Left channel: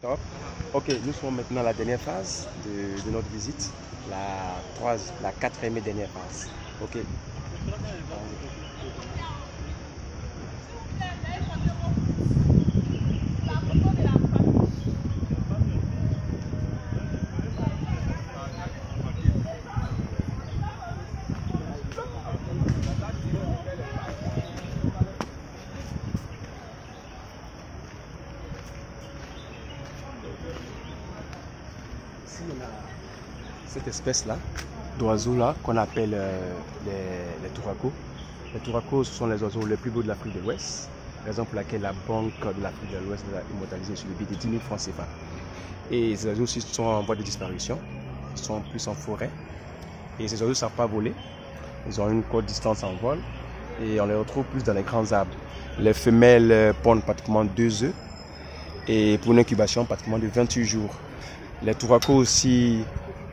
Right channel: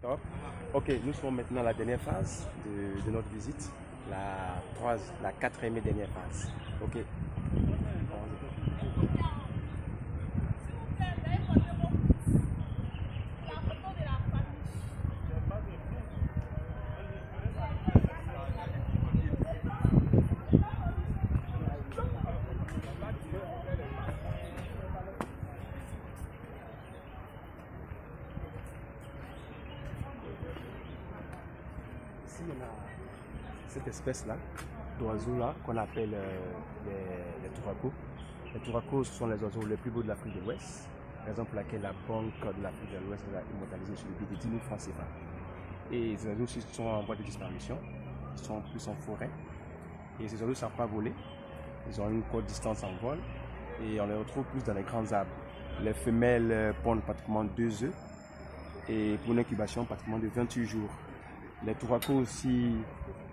Top. Ok, nous sommes maintenant à la dernière phase de notre visite, la quatrième et dernière phase. Ok. Ici, on a cette espèce-là, d'oiseaux-là, qu'on appelle les touracos. Les touracos sont les oiseaux les plus beaux de l'Afrique de l'Ouest, raison pour laquelle la Banque de l'Afrique de l'Ouest l'a immortalisé sur le billet de 10 000 francs CFA. Et ces oiseaux aussi sont en voie de disparition, ils sont plus en forêt. Et ces oiseaux ne savent pas voler, ils ont une courte distance en vol et on les retrouve plus dans les grands arbres. Les femelles pondent pratiquement 2 œufs et pour une incubation pratiquement de 28 jours. Les touracos aussi,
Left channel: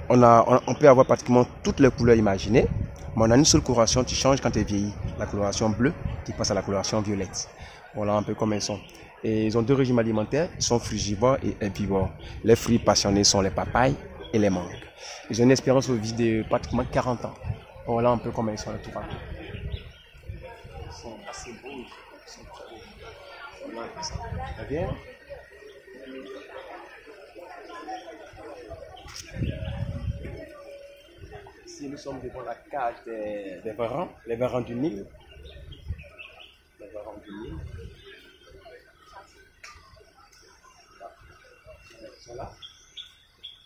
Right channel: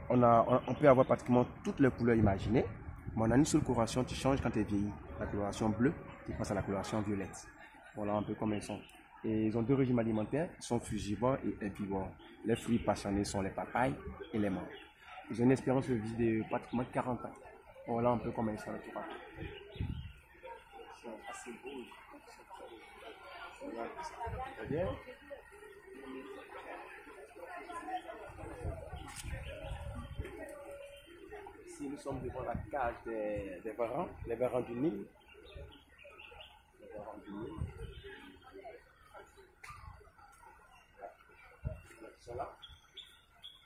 on peut avoir pratiquement toutes les couleurs imaginées, mais on a une seule coloration qui change quand elle vieillit. La coloration bleue qui passe à la coloration violette. Voilà un peu comme elles sont. Et ils ont deux régimes alimentaires, ils sont frugivores et herbivores. Les fruits passionnés sont les papayes et les mangues. Ils ont une espérance de vie de pratiquement 40 ans. Voilà un peu comme ils sont les touracos. Ils sont assez beaux, ils sont très beaux. Voilà, très bien. Ici, nous sommes devant la cage des varans, les varans du Nil. Les varans du Nil. Là. Ils sont là.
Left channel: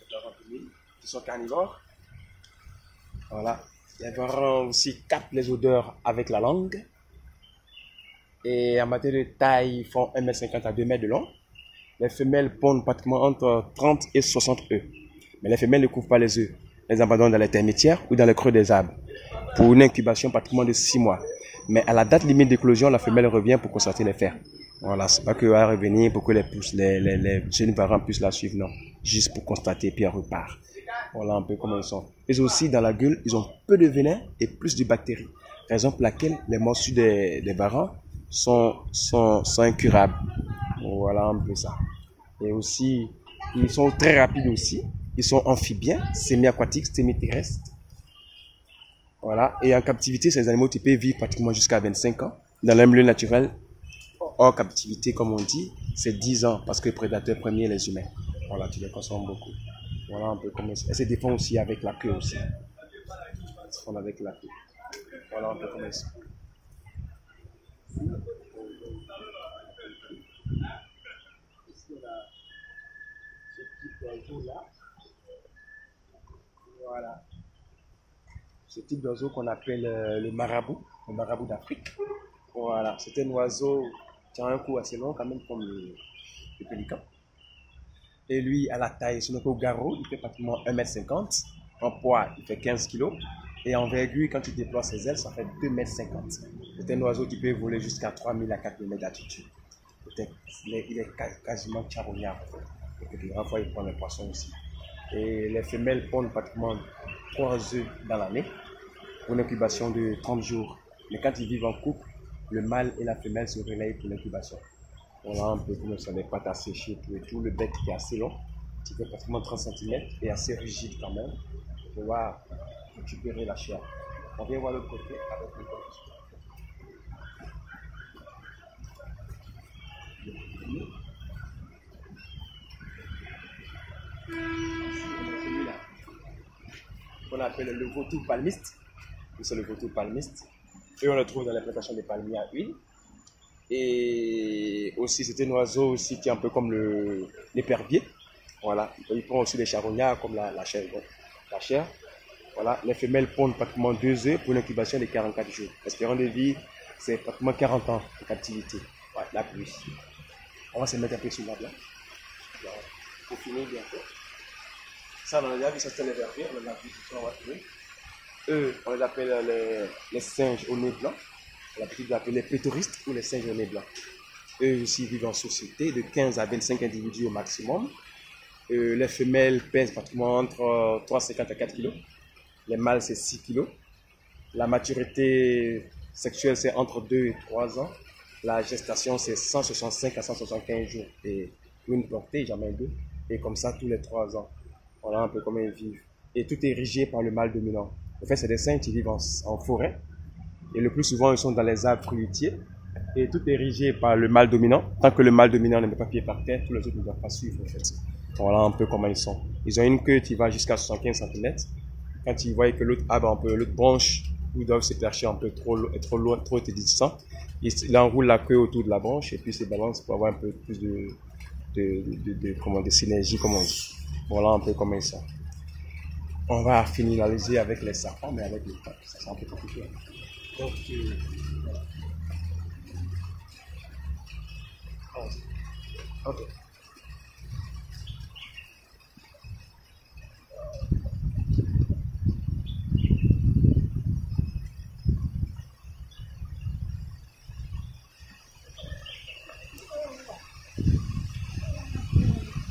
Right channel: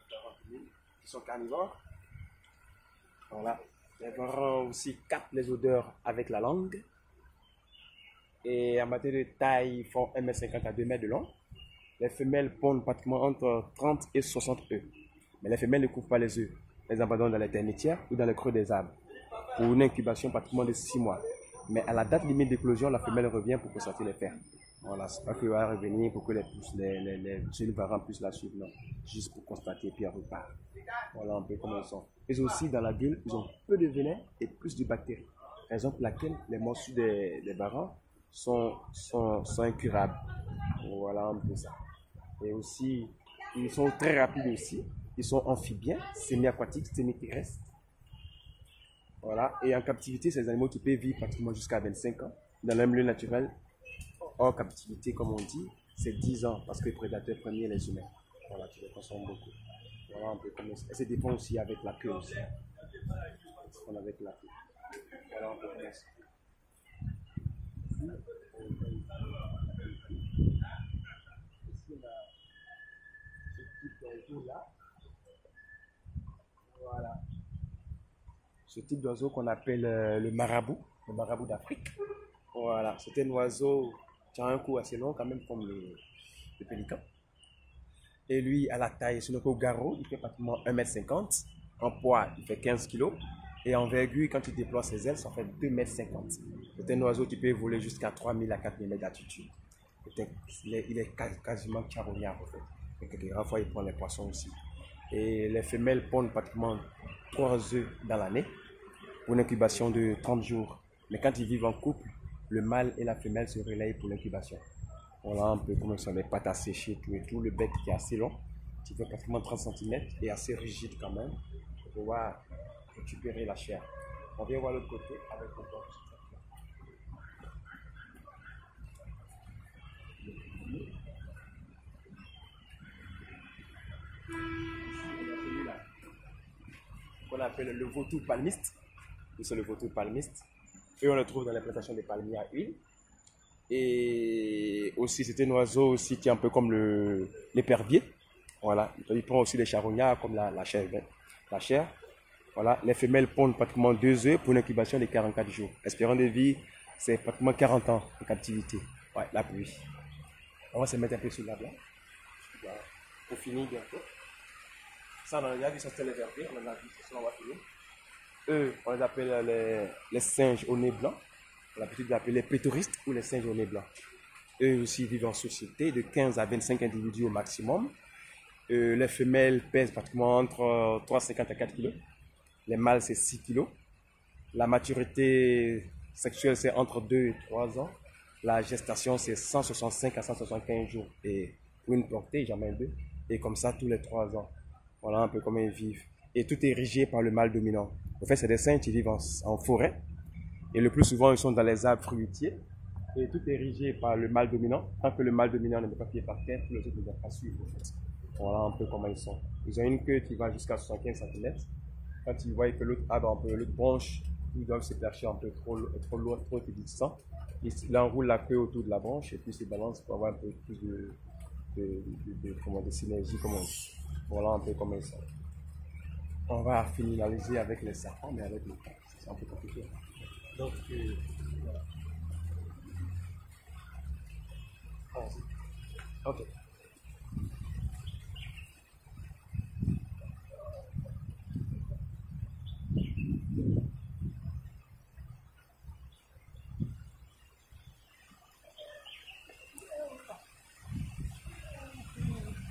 Les varans du Nil. Ils sont carnivores. Voilà. Les varans aussi captent les odeurs avec la langue. Et en matière de taille, ils font 1,50 m à 2 m de long. Les femelles pondent pratiquement entre 30 et 60 œufs. Mais les femelles ne couvrent pas les œufs. Elles abandonnent dans les termitières ou dans le creux des arbres pour une incubation pratiquement de 6 mois. Mais à la date limite d'éclosion, la femelle revient pour constater les fers. Voilà, c'est pas qu'elle va revenir pour que les jeunes parents puissent la suivre, non. Juste pour constater, puis elle repart. Voilà un peu comment ils sont. Ils aussi, dans la gueule, ils ont peu de venin et plus de bactéries. Raison pour laquelle les morsures des varans sont incurables. Voilà un peu ça. Et aussi, ils sont très rapides aussi. Ils sont amphibiens, semi-aquatiques, semi-terrestres. Voilà. Et en captivité, ces animaux, tu peux vivre pratiquement jusqu'à 25 ans. Dans le milieu naturel, hors captivité, comme on dit, c'est 10 ans parce que le prédateur premier est les humains. Voilà, tu les consommes beaucoup. Voilà un peu comme ça. Elles se défendent aussi avec la queue aussi. Elles se défendent avec la queue. Voilà un peu comme ça. Ici, on a ce type d'oiseau-là. Voilà. Ce type d'oiseau qu'on appelle le marabout d'Afrique. Voilà, c'est un oiseau qui a un cou assez long, quand même, comme le pélican. Et lui, à la taille, c'est notre garrot, il fait pratiquement 1,50 m. En poids, il fait 15 kg. Et en envergure, quand il déploie ses ailes, ça fait 2,50 m. C'est un oiseau qui peut voler jusqu'à 3000 à 4000 mètres d'altitude. Il est quasiment charognard, en fait. Et quelques fois, il prend les poissons aussi. Et les femelles pondent pratiquement 3 œufs dans l'année pour une incubation de 30 jours. Mais quand ils vivent en couple, le mâle et la femelle se relayent pour l'incubation. Voilà un peu comme ça, les pattes à sécher, tout et tout. Le bec qui est assez long, qui fait pratiquement 30 cm et assez rigide quand même, pour pouvoir récupérer la chair. On vient voir l'autre côté avec le corps. Celui-là, qu'on appelle le vautour palmiste. C'est le vautour palmiste. Et on le trouve dans les plantations de palmiers à huile. Et aussi, c'est un oiseau aussi qui est un peu comme l'épervier. Voilà. Il prend aussi des charognards comme la chair. La chair. Voilà. Les femelles pondent pratiquement 2 œufs pour une incubation de 44 jours. L'espérance de vie, c'est pratiquement 40 ans de captivité. Ouais, la pluie. On va se mettre un peu sur l'arbre là. Voilà. Pour finir bientôt. Ça, on a déjà vu, ça c'était l'épervier. On a vu, on va trouver. Eux, on les appelle les singes au nez blanc. On a l'habitude d'appeler les péteuristes ou les singes au nez blanc. Eux aussi vivent en société de 15 à 25 individus au maximum. Les femelles pèsent pratiquement entre 3,50 à 4 kg. Les mâles, c'est 6 kg. La maturité sexuelle, c'est entre 2 et 3 ans. La gestation, c'est 165 à 175 jours. Et une portée, jamais deux. Et comme ça, tous les 3 ans. Voilà un peu comment ils vivent. Et tout est érigé par le mâle dominant. En fait, c'est des singes qui vivent en forêt. Et le plus souvent, ils sont dans les arbres fruitiers. Et tout est érigé par le mâle dominant. Tant que le mâle dominant ne met pas pied par terre, tous les autres ne doivent pas suivre, en fait. Voilà un peu comment ils sont. Ils ont une queue qui va jusqu'à 75 cm. Quand ils voient que l'autre arbre, un peu, l'autre branche, ils doivent se percher un peu trop loin, trop distant, ils enroulent la queue autour de la branche et puis se balancent pour avoir un peu plus de synergie, comme on dit. Voilà un peu comment ils sont. On va finaliser avec les serpents, mais avec les pattes, ça c'est un peu compliqué. Donc, voilà. Ok.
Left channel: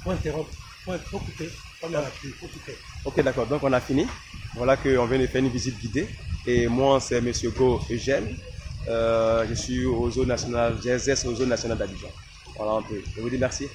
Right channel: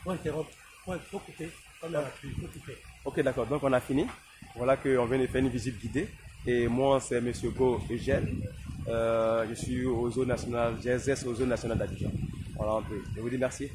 Faut interrompre, faut couper. Comme on a pu, faut couper. Ok, d'accord. Donc, on a fini. Voilà qu'on vient de faire une visite guidée. Et moi, c'est Monsieur Go Eugène. Je suis aux eaux nationales, j'exerce aux eaux nationales d'Abidjan. Voilà un peu. Je vous dis merci.